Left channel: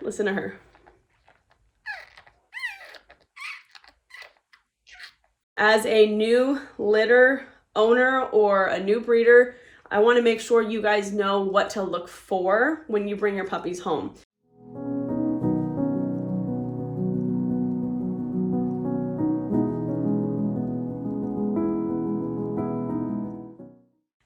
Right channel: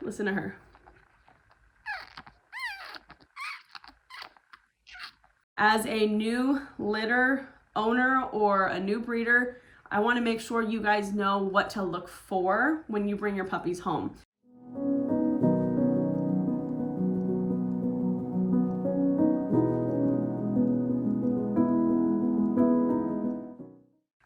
Listen to her. As a new litter owner or a new breeder, I want to make sure you guys know what to look for when you bring your puppies home.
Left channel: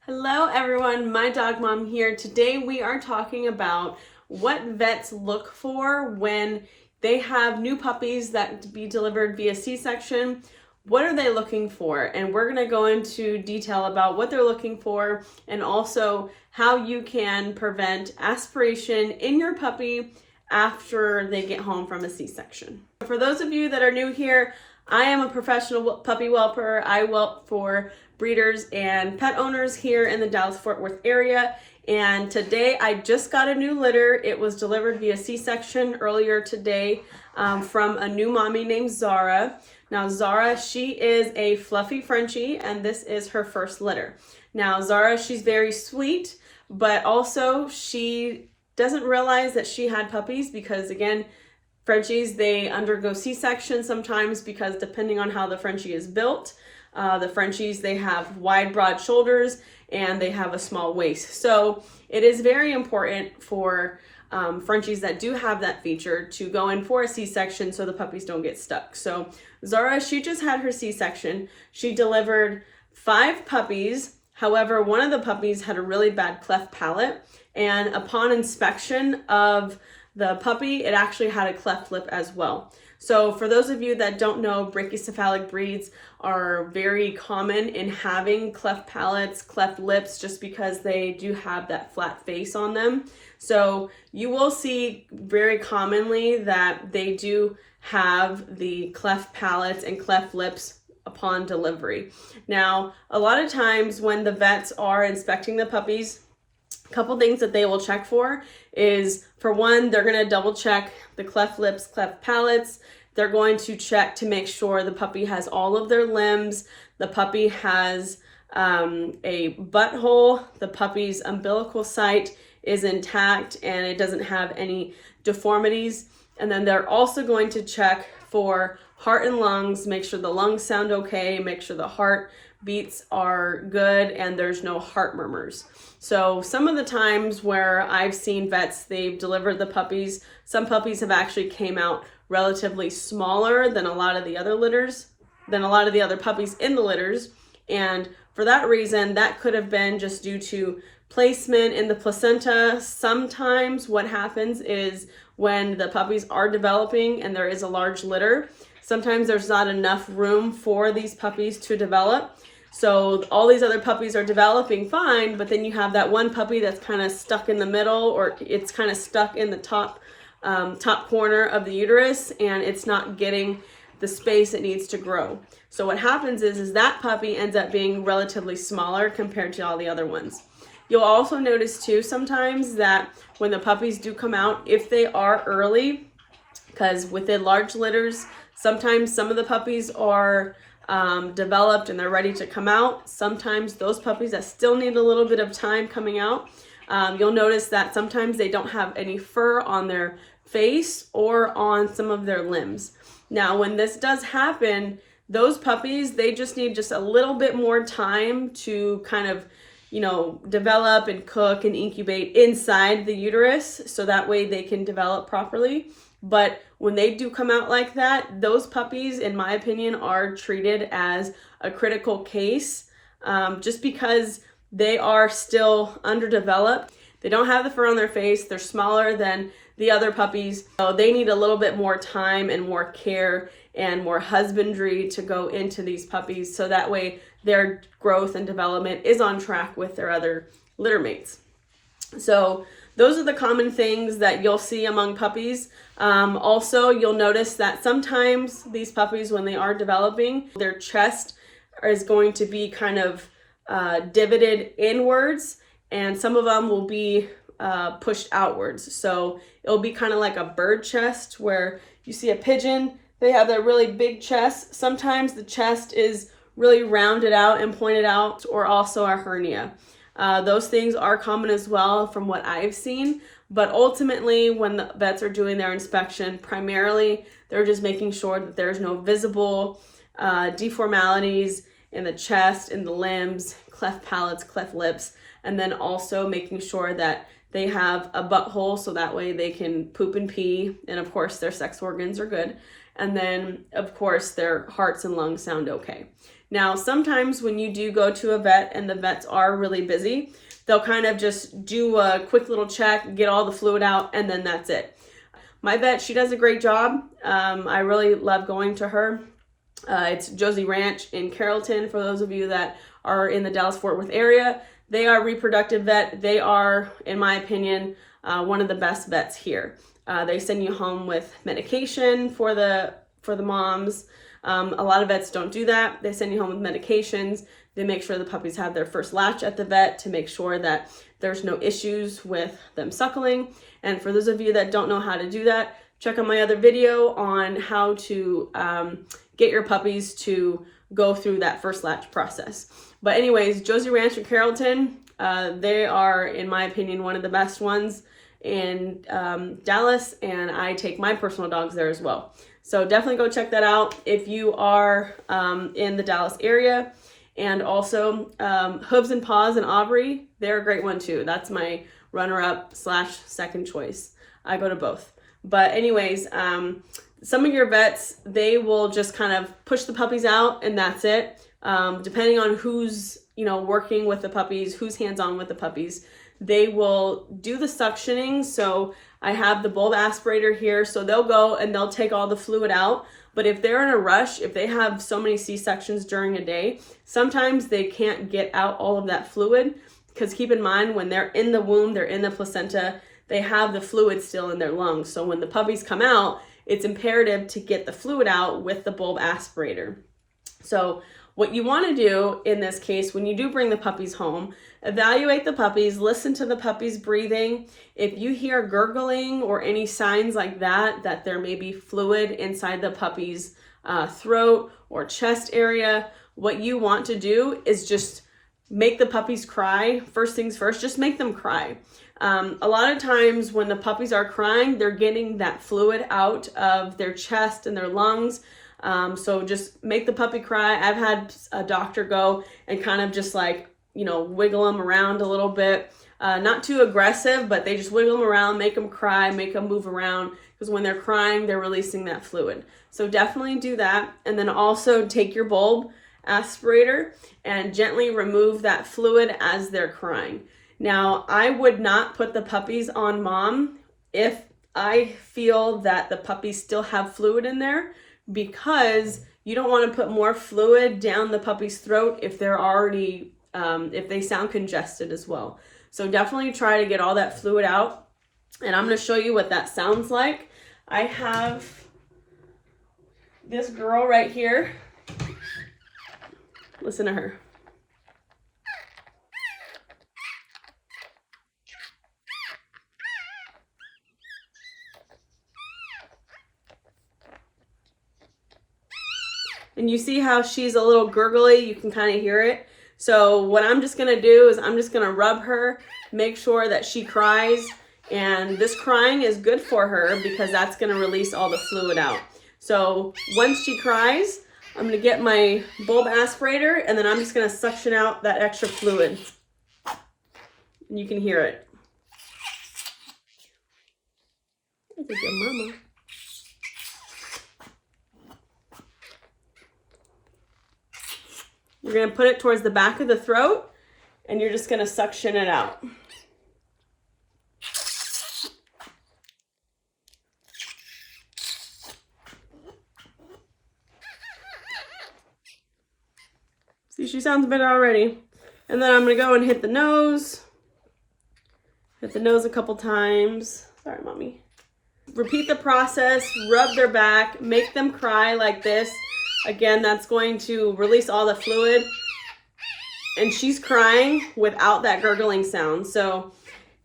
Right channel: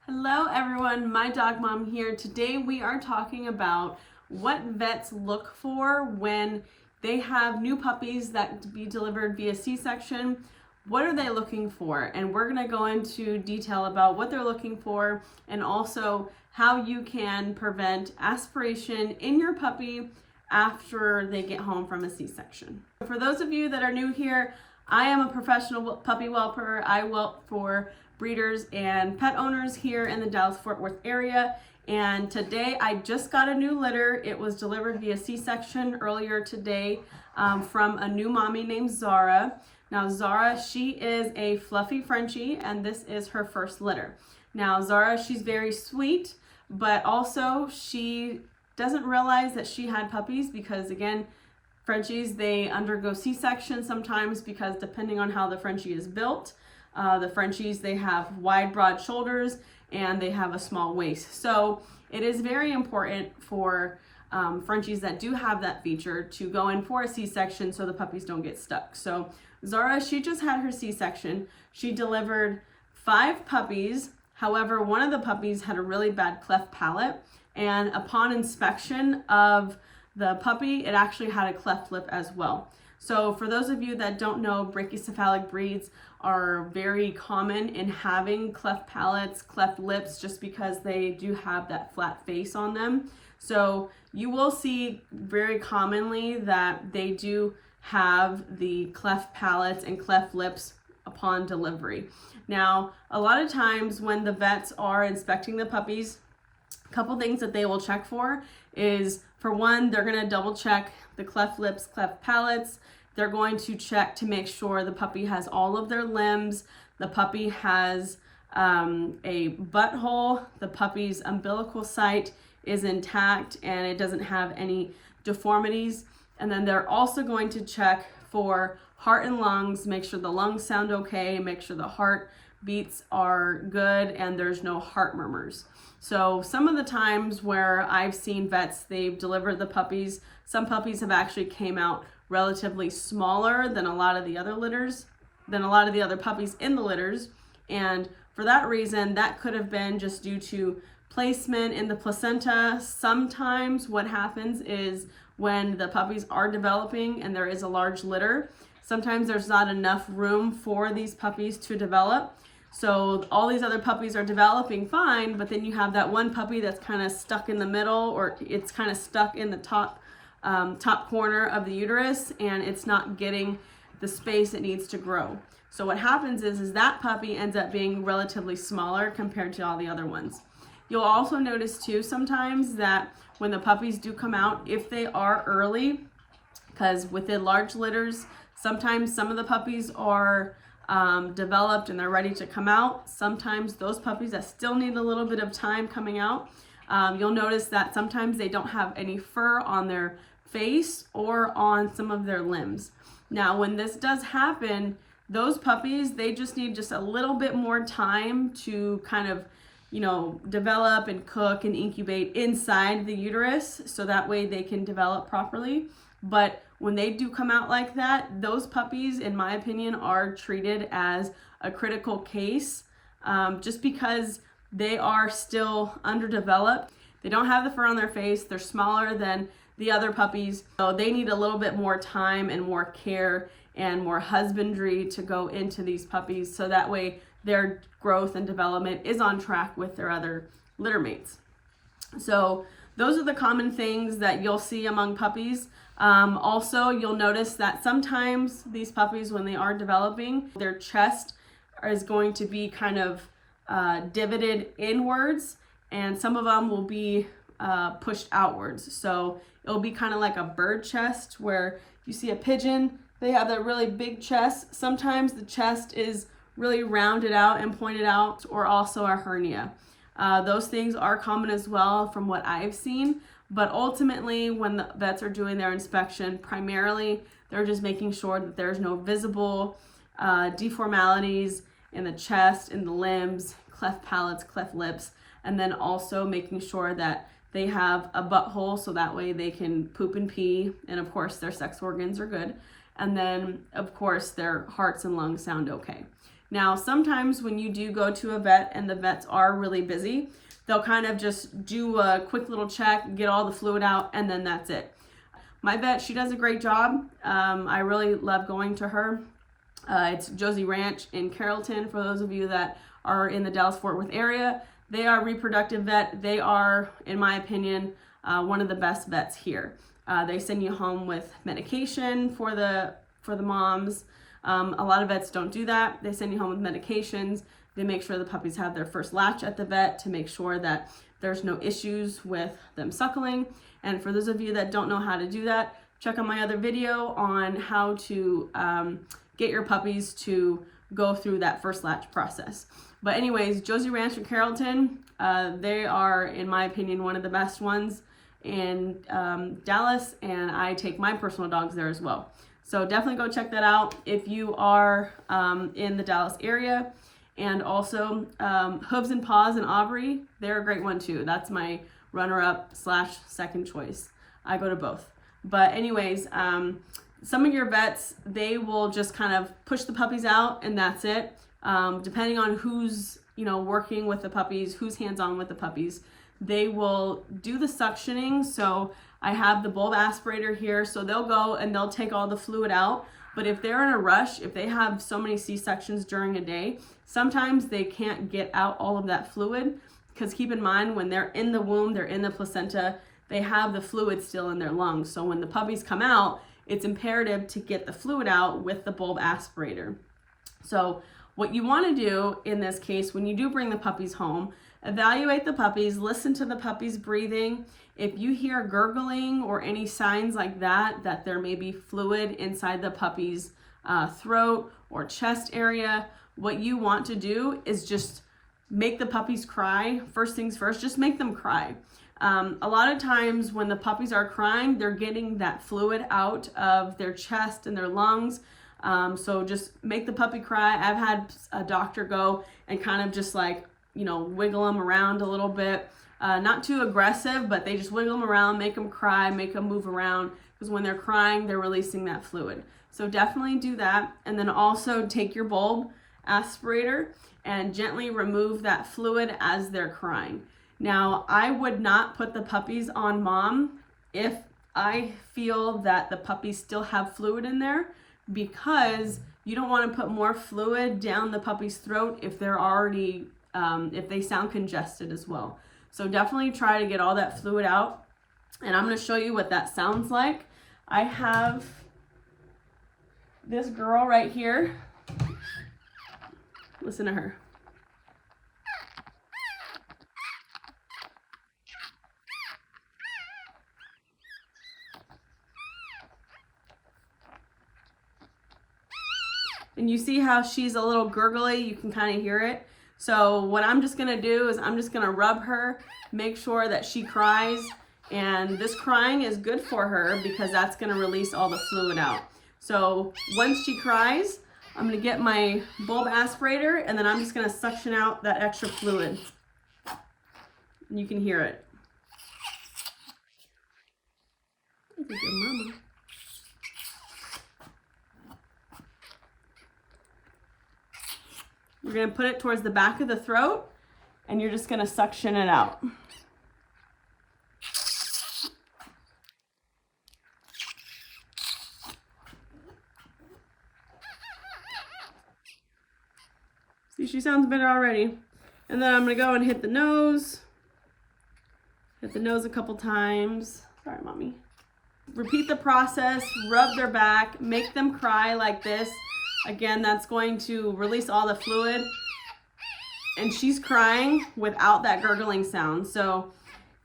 Hello everyone, my dog mom here. Today we are talking about what vets look for when they have new puppies that be delivered via C-section. What are they looking for? And we're gonna go into detail about what they're looking for and also how you can prevent aspiration in your puppy after they get home from a C-section. For those of you that are new here, I am a professional puppy whelper. I whelp for breeders and pet owners here in the Dallas-Fort Worth area. And today I just got a new litter. It was delivered via C-section earlier today from a new mommy named Zara. Now Zara, she is a fluffy Frenchie and this is her first litter. Now Zara, she's very sweet, but also she doesn't realize that she had puppies because again, Frenchies, they undergo C-section sometimes because depending on how the Frenchie is built, the Frenchies, they have wide, broad shoulders and they have a small waist. So it is very important for Frenchies that do have that feature to go in for a C-section so the puppies don't get stuck. So Zara, she just had her C-section. She delivered 5 puppies. However, one of the puppies had a really bad cleft palate, and upon inspection of the puppy, it actually had a cleft lip as well. So for those of you that don't know, brachycephalic breeds are very common in having cleft palates, cleft lips, just because they do have that flat face on them. So you will see very commonly that they do have the cleft palates and cleft lips upon delivery. Now, a lot of times when the vets are inspecting the puppies, a couple things that they will check for is, for one, they're going to double check the cleft lips, cleft palates. They're going to check to make sure the puppy has all of their limbs. The puppy has a butthole. The puppy's umbilical site is intact and it doesn't have any deformities. And then they're also going to check for heart and lungs, make sure the lungs sound okay, make sure the heart beats are good and there's no heart murmurs. So some of the times where I've seen vets, they've delivered the puppies, some puppies have actually came out relatively smaller than a lot of the other litters, than a lot of the other puppies in the litters. And for that reason, that could have been just due to placement in the placenta. Sometimes what happens is when the puppies are developing and there is a large litter, sometimes there's not enough room for these puppies to develop. So all these other puppies are developing fine, but then you have that one puppy that's kind of stuck in the middle, or it's kind of stuck in the top corner of the uterus and it's not getting the space it needs to grow. So what happens is that puppy ends up being relatively smaller compared to all the other ones. You'll also notice too sometimes that when the puppies do come out, if they are early, because within large litters, sometimes some of the puppies are developed and they're ready to come out. Sometimes those puppies that still need a little bit of time coming out, you'll notice that sometimes they don't have any fur on their face or on some of their limbs. Now, when this does happen, those puppies, they just need just a little bit more time to kind of, develop and cook and incubate inside the uterus so that way they can develop properly. But when they do come out like that, those puppies, in my opinion, are treated as a critical case just because they are still underdeveloped. They don't have the fur on their face. They're smaller than the other puppies. So they need a little bit more time and more care and more husbandry to go into these puppies so that way their growth and development is on track with their other litter mates. So those are the common things that you'll see among puppies. Also, you'll notice that sometimes these puppies, when they are developing, their chest is going to be kind of divoted inwards, and some of them will be pushed outwards. So it'll be kind of like a bird chest where you see a pigeon, they have that really big chest. Sometimes the chest is really rounded out and pointed out, or also a hernia. Those things are common as well from what I've seen, But ultimately, when the vets are doing their inspection, primarily they're just making sure that there's no visible deformalities in the chest, in the limbs, cleft palates, cleft lips, and then also making sure that they have a butthole so that way they can poop and pee, and of course their sex organs are good, and then of course their hearts and lungs sound okay. Now sometimes when you do go to a vet and the vets are really busy, they'll kind of just do a quick little check, get all the fluid out, and then that's it. My vet, she does a great job. I really love going to her. It's Josie Ranch in Carrollton, for those of you that are in the Dallas-Fort Worth area. They are a reproductive vet. They are, in my opinion, one of the best vets here. They send you home with medication for the moms. A lot of vets don't do that. They send you home with medications. They make sure the puppies have their first latch at the vet to make sure that there's no issues with them suckling. And for those of you that don't know how to do that, check out my other video on how to get your puppies to go through that first latch process. But anyways, Josie Ranch in Carrollton, they are, in my opinion, one of the best ones in Dallas, and I take my personal dogs there as well. So definitely go check that out if you are in the Dallas area. And also Hooves and Paws in Aubrey, they're a great one too. That's my runner-up / second choice. I go to both. But anyways, some of your vets, they will just kind of push the puppies out and that's it. Depending on who's, working with the puppies, who's hands-on with the puppies, they will do the suctioning. So I have the bulb aspirator here, so they'll go and they'll take all the fluid out. But if they're in a rush, if they have so many C-sections during a day, sometimes they can't get out all of that fluid, because keep in mind, when they're in the womb, they're in the placenta, they have the fluid still in their lungs. So when the puppies come out, it's imperative to get the fluid out with the bulb aspirator. So what you want to do in this case, when you do bring the puppies home, evaluate the puppies, listen to the puppies breathing. If you hear gurgling or any signs like that, that there may be fluid inside the puppy's throat or chest area, what you want to do is just make the puppies cry. First things first, just make them cry. A lot of times when the puppies are crying, they're getting that fluid out of their chest and their lungs. So just make the puppy cry. I've had a doctor go and kind of just wiggle them around a little bit. Not too aggressive, but they just wiggle them around, make them cry, make them move around, because when they're crying, they're releasing that fluid. So definitely do that. And then also take your bulb aspirator and gently remove that fluid as they're crying. Now, I would not put the puppies on mom if I feel that the puppies still have fluid in there, because you don't want to put more fluid down the puppy's throat if they're already, if they sound congested as well. So definitely try to get all that fluid out. And I'm going to show you what that sounds like. I have this girl right here. Listen to her. And you see how she's a little gurgly? You can kind of hear it. So what I'm just gonna do is I'm just gonna rub her, make sure that she cries, and this crying is good for her because that's gonna release all the fluid out. So once she cries, I'm gonna get my bulb aspirator and then I'm just gonna suction out that extra fluid. You can hear it. That's a good mama. You're going to put it towards the back of the throat and you're just going to suction it out. See, she sounds better already. And then I'm going to go and hit the nose. Hit the nose a couple times. Sorry, mommy. Repeat the process, rub their back, make them cry like this. Again, that's going to release all the fluid. And she's crying without that gurgling sound. So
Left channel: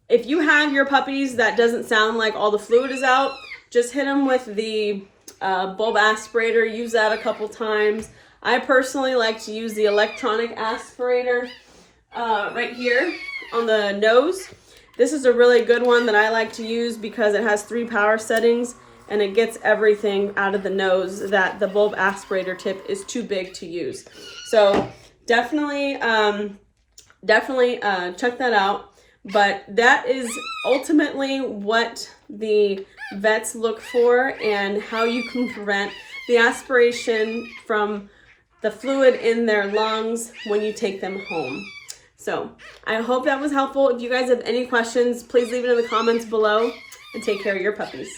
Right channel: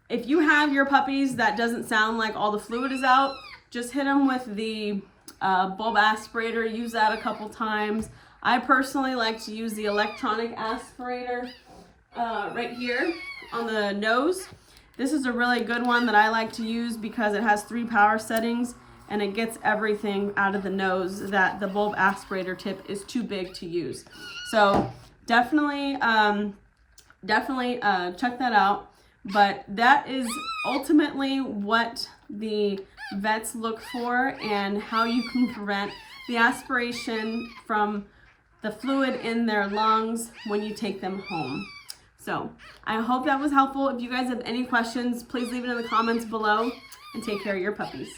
if you have your puppies that doesn't sound like all the fluid is out, just hit them with the bulb aspirator. Use that a couple times. I personally like to use the electronic aspirator right here on the nose. This is a really good one that I like to use because it has 3 power settings and it gets everything out of the nose that the bulb aspirator tip is too big to use. So definitely check that out. But that is ultimately what the vets look for and how you can prevent the aspiration from the fluid in their lungs when you take them home. So I hope that was helpful. If you guys have any questions, please leave it in the comments below, and take care of your puppies.